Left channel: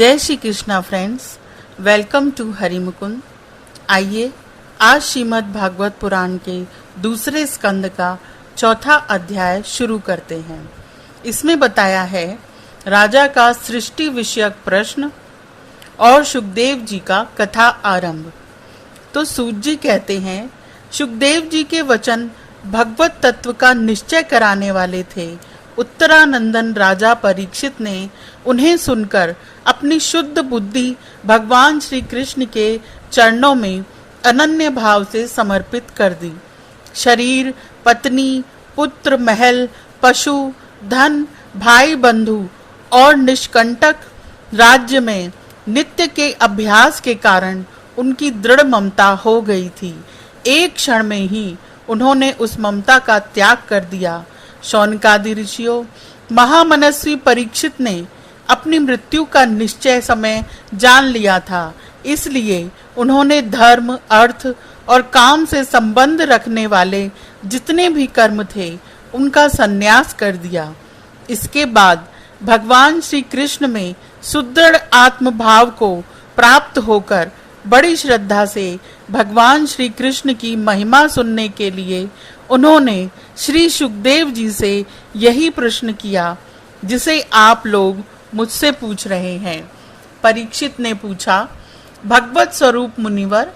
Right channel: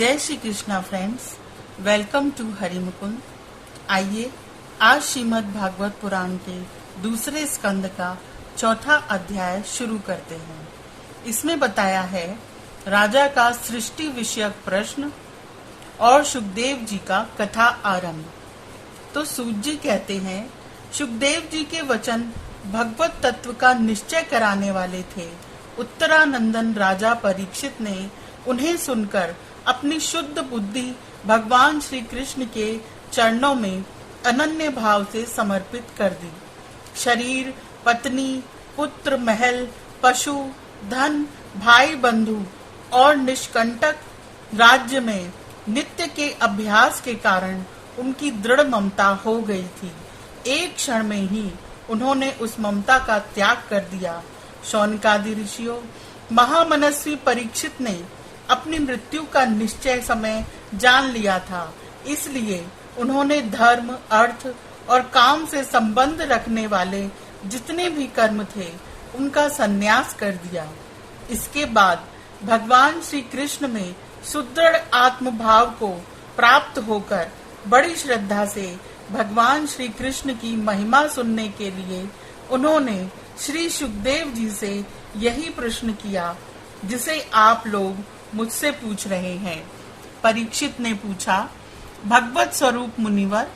जय Shri Krishna friends, welcome to Hari Mukund. आइए आज श्रीमद् भागवत पुराण के दूसरे स्कंद का चौथा अध्याय शुरू करते हैं। इसमें बताया है राजा का सृष्टि विषयक प्रश्न और सुखदेव जी का कथा आरंभ। तो सूत जी कहते हैं, सुखदेव जी के वचन भगवत तत्व का निश्चय कराने वाले थे। उत्तरानंदन राजा परीक्षित ने उन्हें सुनकर अपनी शुद्ध बुद्धि भगवान श्री कृष्ण के चरणों में अनन्य भाव से समर्पित कर दी। शरीर, पत्नी, पुत्र, महल, पशु, धन, भाई बंधु और निष्कंटक राज्य में नित्य के अभ्यास के कारण उनकी दृढ़ ममता हो गई थी। एक क्षण में ही उन्होंने उस ममता का त्याग कर दिया। शौनकादि ऋषियों, महामनस्वी परीक्षित ने अपनी मृत्यु का निश्चय समय जान लिया था, इसलिए उन्होंने धर्म, अर्थ और काम से संबंध रखने वाले जितने भी कर्म थे उनका संन्यास कर दिया। इसके बाद भगवान श्री कृष्ण में सुदृढ़ आत्म भाव को प्राप्त होकर बड़ी श्रद्धा से भगवान श्री कृष्ण की महिमा सुनने के लिए उन्होंने श्री सुखदेव जी से यही प्रश्न किया जिसे आप लोग मुझसे पूछ रहे हैं। परीक्षित ने पूछा, भगवत स्वरूप मुनिवर,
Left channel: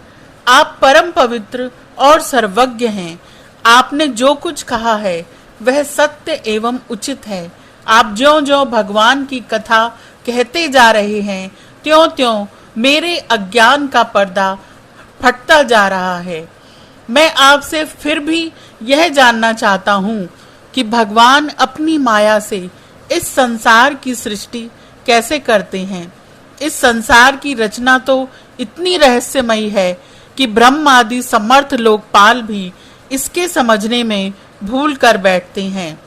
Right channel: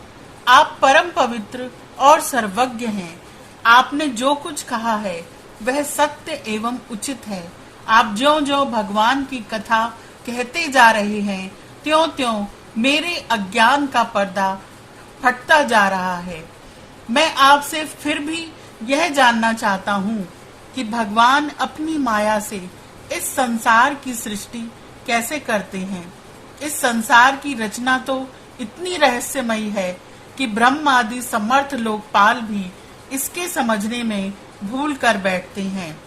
आप परम पवित्र और सर्वज्ञ हैं। आपने जो कुछ कहा है वह सत्य एवं उचित है। आप ज्यों-ज्यों भगवान की कथा कहते जा रहे हैं, त्यों-त्यों मेरे अज्ञान का पर्दा फटता जा रहा है। मैं आपसे फिर भी यह जानना चाहता हूँ कि भगवान अपनी माया से इस संसार की सृष्टि कैसे करते हैं। इस संसार की रचना तो इतनी रहस्यमयी है कि ब्रह्म आदि समर्थ लोकपाल भी इसके समझने में भूल कर बैठते हैं।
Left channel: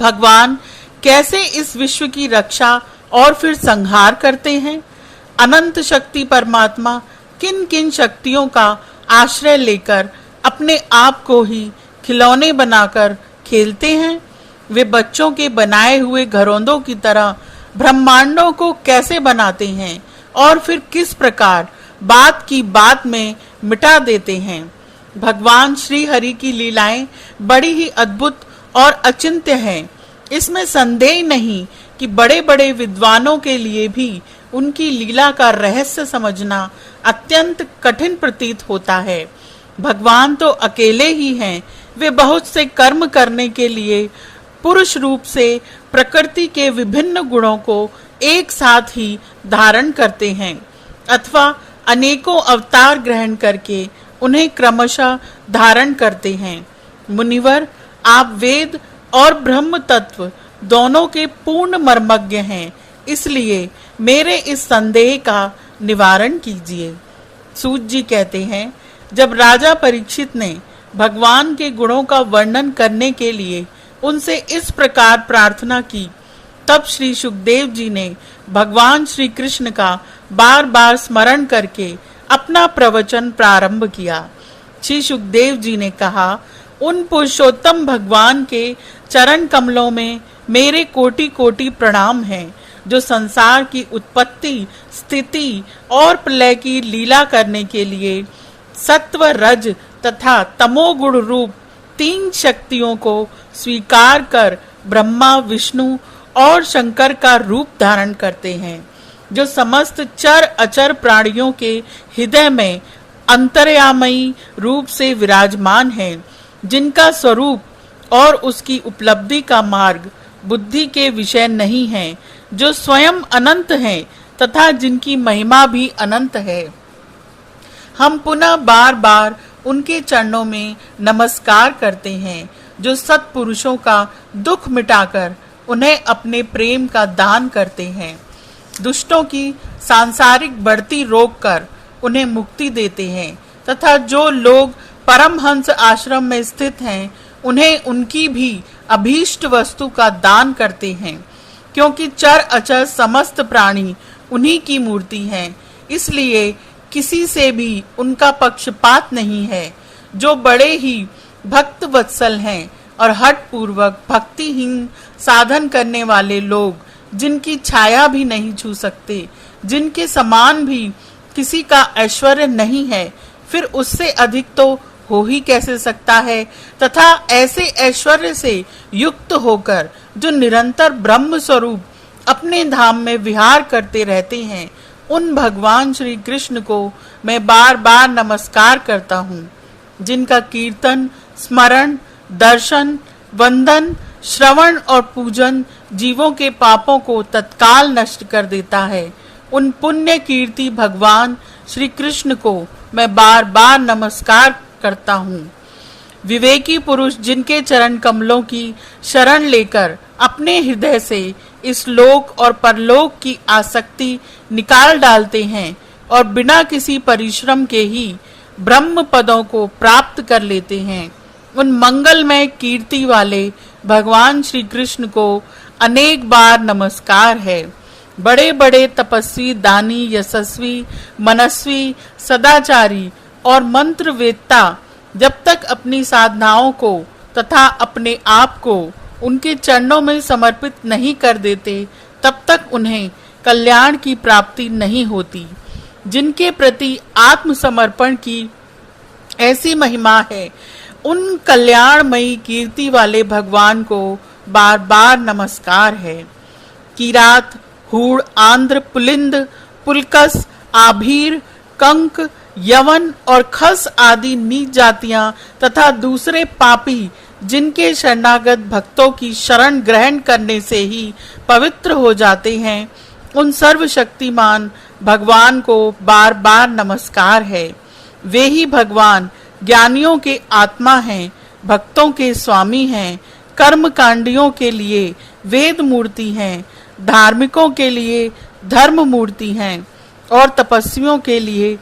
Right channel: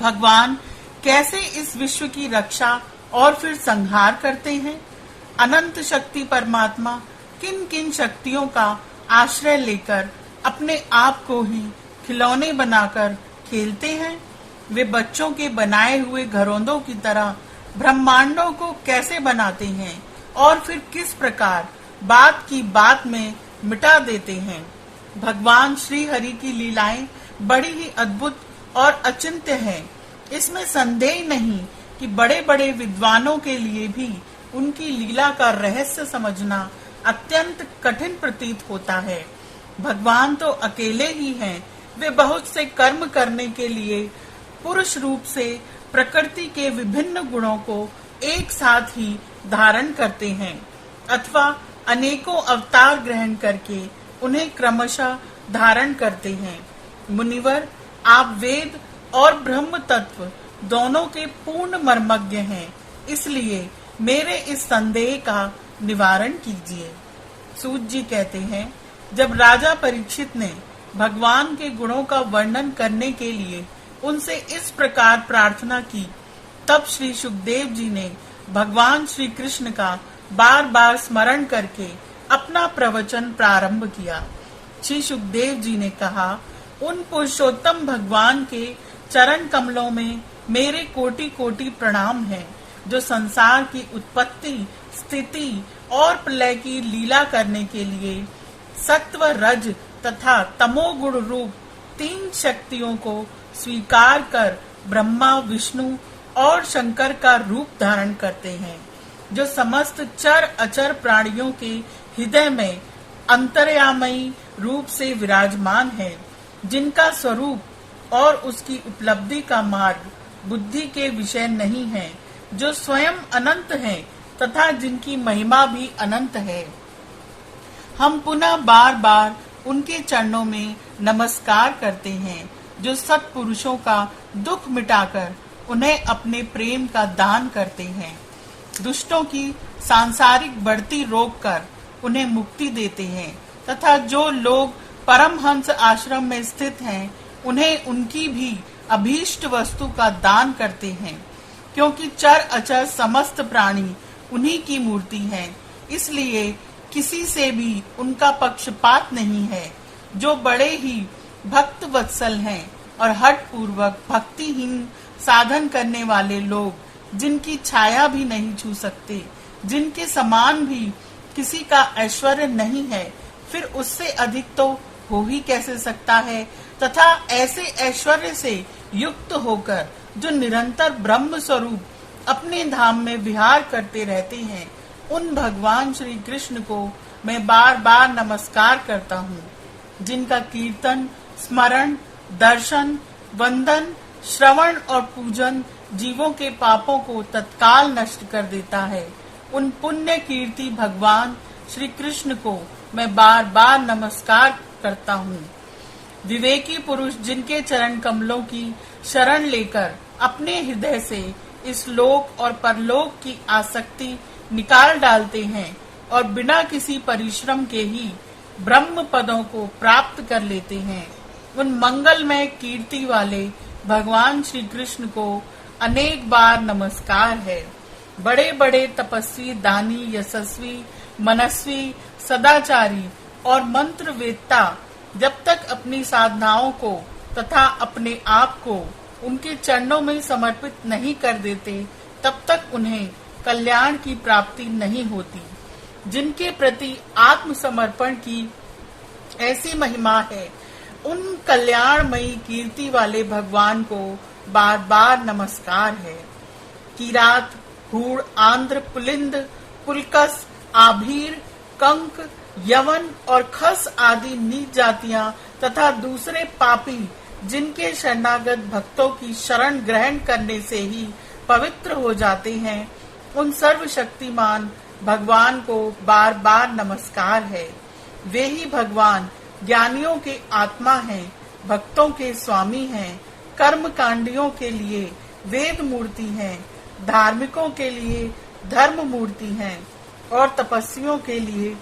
भगवान कैसे इस विश्व की रक्षा और फिर संहार करते हैं। अनंत शक्ति परमात्मा किन किन शक्तियों का आश्रय लेकर अपने आप को ही खिलौने बनाकर खेलते हैं। वे बच्चों के बनाए हुए घरौंदों की तरह ब्रह्मांडों को कैसे बनाते हैं और फिर किस प्रकार बात की बात में मिटा देते हैं। भगवान श्री हरि की लीलाएं बड़ी ही अद्भुत और अचिंत्य हैं। इसमें संदेह नहीं कि बड़े बड़े विद्वानों के लिए भी उनकी लीला का रहस्य समझना अत्यंत कठिन प्रतीत होता है। भगवान तो अकेले ही हैं। वे बहुत से कर्म करने के लिए पुरुष रूप से प्रकृति के विभिन्न गुणों को एक साथ ही धारण करते हैं अथवा अनेकों अवतार ग्रहण करके उन्हें क्रमशः धारण करते हैं। मुनिवर, आप वेद और ब्रह्म तत्व दोनों के पूर्ण मर्मज्ञ हैं, इसलिए मेरे इस संदेह का निवारण कीजिए। सूत जी कहते हैं, जब राजा परीक्षित ने भगवान के गुणों का वर्णन करने के लिए उनसे इस प्रकार प्रार्थना की, तब श्री सुखदेव जी ने भगवान श्री कृष्ण का बार बार स्मरण करके अपना प्रवचन प्रारंभ किया। श्री सुखदेव जी ने कहा, उन पुरुषोत्तम भगवान के चरण कमलों में मेरे कोटि कोटि प्रणाम हैं, जो संसार की उत्पत्ति, स्थिति और प्रलय की लीला करने के लिए सत्व, रज तथा तमोगुण रूप तीन शक्तियों को स्वीकार कर ब्रह्मा, विष्णु और शंकर का रूप धारण करते हैं, जो समस्त चर अचर प्राणियों के हृदय में अंतर्यामी रूप से विराजमान है, जिनका स्वरूप और उसकी उपलब्धि का मार्ग बुद्धि के विषय नहीं है, जो स्वयं अनंत हैं तथा जिनकी महिमा भी अनंत है। हम पुनः बार बार उनके चरणों में नमस्कार करते हैं, जो सत्पुरुषों का दुख मिटाकर उन्हें अपने प्रेम का दान करते हैं, दुष्टों की सांसारिक बढ़ती रोककर उन्हें मुक्ति देते हैं तथा जो लोग परमहंस आश्रम में स्थित हैं उन्हें उनकी भी अभीष्ट वस्तु का दान करते हैं। क्योंकि चर अचर समस्त प्राणी उन्हीं की मूर्ति हैं, इसलिए किसी से भी उनका पक्षपात नहीं है। जो बड़े ही भक्त वत्सल हैं और हठ पूर्वक भक्तिहीन साधन करने वाले लोग जिनकी छाया भी नहीं छू सकते, जिनके समान भी किसी का ऐश्वर्य नहीं है, फिर उससे अधिक तो हो ही कैसे सकता है। तथा ऐसे ऐश्वर्य से युक्त होकर जो निरंतर ब्रह्म स्वरूप अपने धाम में विहार करते रहते हैं, उन भगवान श्री कृष्ण को मैं बार बार नमस्कार करता हूँ, जिनका कीर्तन, स्मरण, दर्शन, वंदन, श्रवण और पूजन जीवों के पापों को तत्काल नष्ट कर देता है। उन पुण्य कीर्ति भगवान श्री कृष्ण को मैं बार बार नमस्कार करता हूँ। विवेकी पुरुष जिनके चरण कमलों की शरण लेकर अपने हृदय से इस लोक और परलोक की आसक्ति निकाल डालते हैं और बिना किसी परिश्रम के ही ब्रह्म पदों को प्राप्त कर लेते हैं, उन मंगलमय कीर्ति वाले भगवान श्री कृष्ण को अनेक बार नमस्कार है। बड़े बड़े तपस्वी, दानी, यशस्वी, मनस्वी, सदाचारी और मंत्र वेत्ता जब तक अपनी साधनाओं को तथा अपने आप को उनके चरणों में समर्पित नहीं कर देते, तब तक उन्हें कल्याण की प्राप्ति नहीं होती। जिनके प्रति आत्मसमर्पण की ऐसी महिमा है, उन कल्याणमयी कीर्ति वाले भगवान को बार बार नमस्कार है। किरात, हूड़, आंध्र, पुलिंद, पुलकस, आभीर, कंक, यवन और खस आदि नीच जातियां तथा दूसरे पापी जिनके शरणागत भक्तों की शरण ग्रहण करने से ही पवित्र हो जाते हैं, उन सर्वशक्तिमान भगवान को बार बार नमस्कार है। वे ही भगवान ज्ञानियों के आत्मा हैं, भक्तों के स्वामी हैं, कर्म कांडियों के लिए वेद मूर्ति हैं, धार्मिकों के लिए धर्म मूर्ति हैं और तपस्वियों के लिए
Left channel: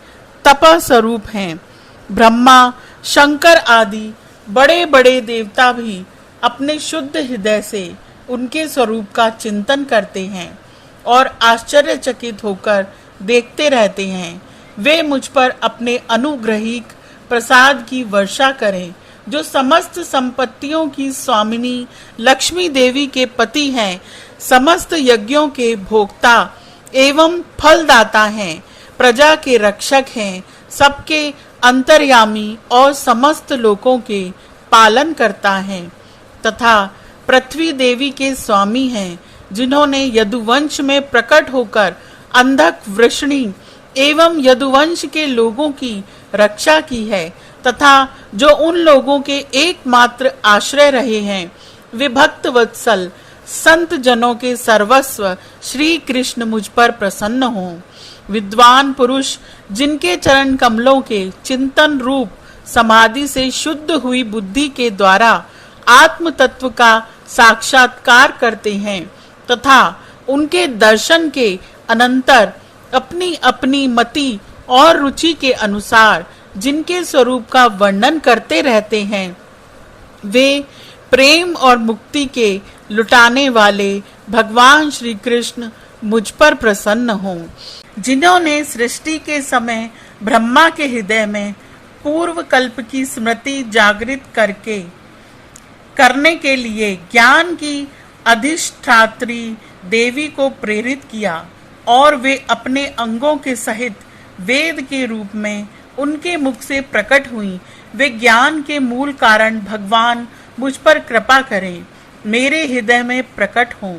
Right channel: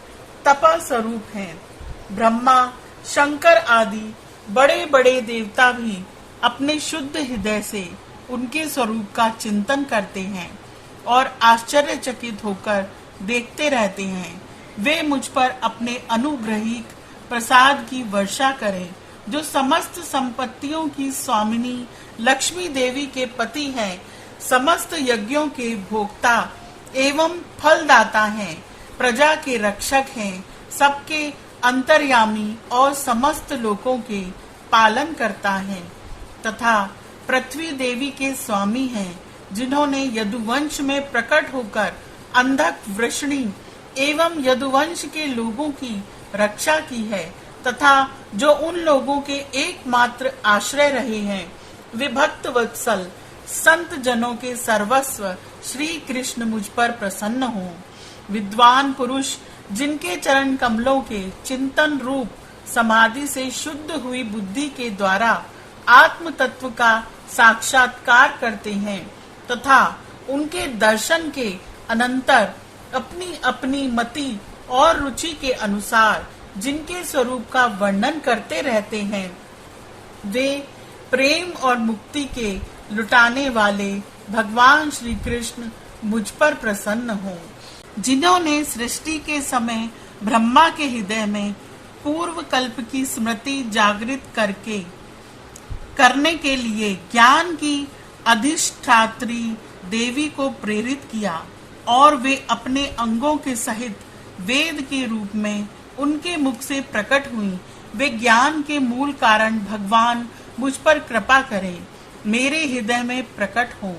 तप स्वरूप हैं। ब्रह्मा, शंकर आदि बड़े बड़े देवता भी अपने शुद्ध हृदय से उनके स्वरूप का चिंतन करते हैं और आश्चर्यचकित होकर देखते रहते हैं। वे मुझ पर अपने अनुग्रहिक प्रसाद की वर्षा करें, जो समस्त संपत्तियों की स्वामिनी लक्ष्मी देवी के पति हैं, समस्त यज्ञों के भोक्ता एवं फलदाता हैं, प्रजा के रक्षक हैं, सबके अंतर्यामी और समस्त लोकों के पालन करता है, तथा पृथ्वी देवी के स्वामी हैं, जिन्होंने यदुवंश में प्रकट होकर अंधक, वृषणी एवं यदुवंश के लोगों की रक्षा की है, तथा जो उन लोगों के एकमात्र आश्रय रहे हैं। वे भक्त वत्सल संत जनों के सर्वस्व श्री कृष्ण मुझ पर प्रसन्न हों। विद्वान पुरुष जिनके चरण कमलों के चिंतन रूप समाधि से शुद्ध हुई बुद्धि के द्वारा आत्म तत्व का साक्षात्कार करते हैं, तथा उनके दर्शन के अनंतर अपनी अपनी मति और रुचि के अनुसार जिनके स्वरूप का वर्णन करते रहते हैं, वे प्रेम और मुक्ति के लुटाने वाले भगवान श्री कृष्ण मुझ पर प्रसन्न हों। जिन्होंने सृष्टि के समय ब्रह्मा के हृदय में पूर्व कल्प की स्मृति जागृत करने के लिए ज्ञान की अधिष्ठात्री देवी को प्रेरित किया और वे अपने अंगों के सहित वेद के रूप में उनके मुख से प्रकट हुई, वे ज्ञान के मूल कारण भगवान मुझ पर कृपा करें, मेरे हृदय में प्रकट हों।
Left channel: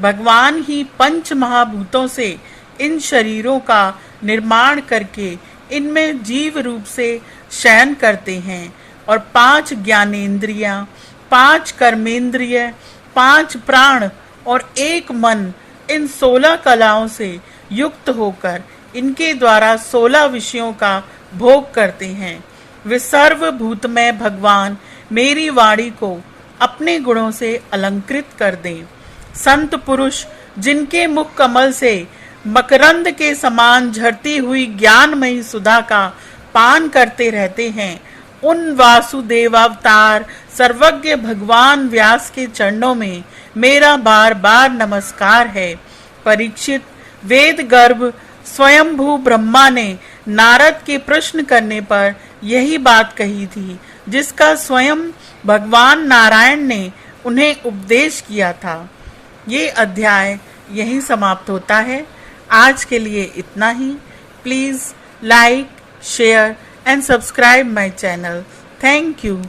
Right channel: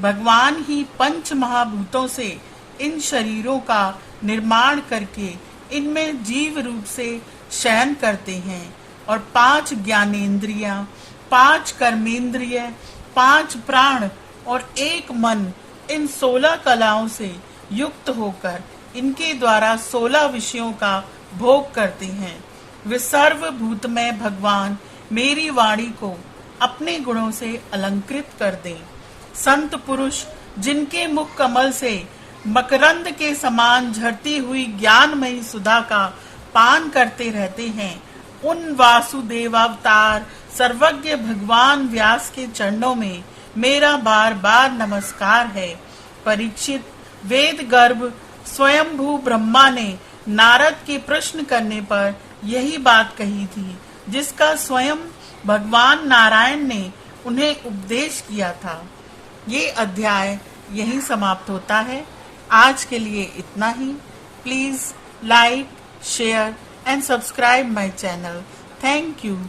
भगवान ही पंच महाभूतों से इन शरीरों का निर्माण करके इनमें जीव रूप से शयन करते हैं और 5 ज्ञानेंद्रियां, 5 कर्मेंद्रिय, 5 प्राण और 1 मन, इन 16 कलाओं से युक्त होकर इनके द्वारा 16 विषयों का भोग करते हैं। वे सर्वभूतमय भगवान मेरी वाणी को अपने गुणों से अलंकृत कर दें। संत पुरुष जिनके मुख कमल से मकरंद के समान झरती हुई ज्ञानमयी सुधा का पान करते रहते हैं, उन वासुदेवावतार सर्वज्ञ भगवान व्यास के चरणों में मेरा बार बार नमस्कार है। परीक्षित, वेद गर्भ स्वयंभू ब्रह्मा ने नारद के प्रश्न करने पर यही बात कही थी, जिसका स्वयं भगवान नारायण ने उन्हें उपदेश किया था। ये अध्याय यहीं समाप्त होता है। आज के लिए इतना ही। Please like, share and subscribe my channel. Thank you.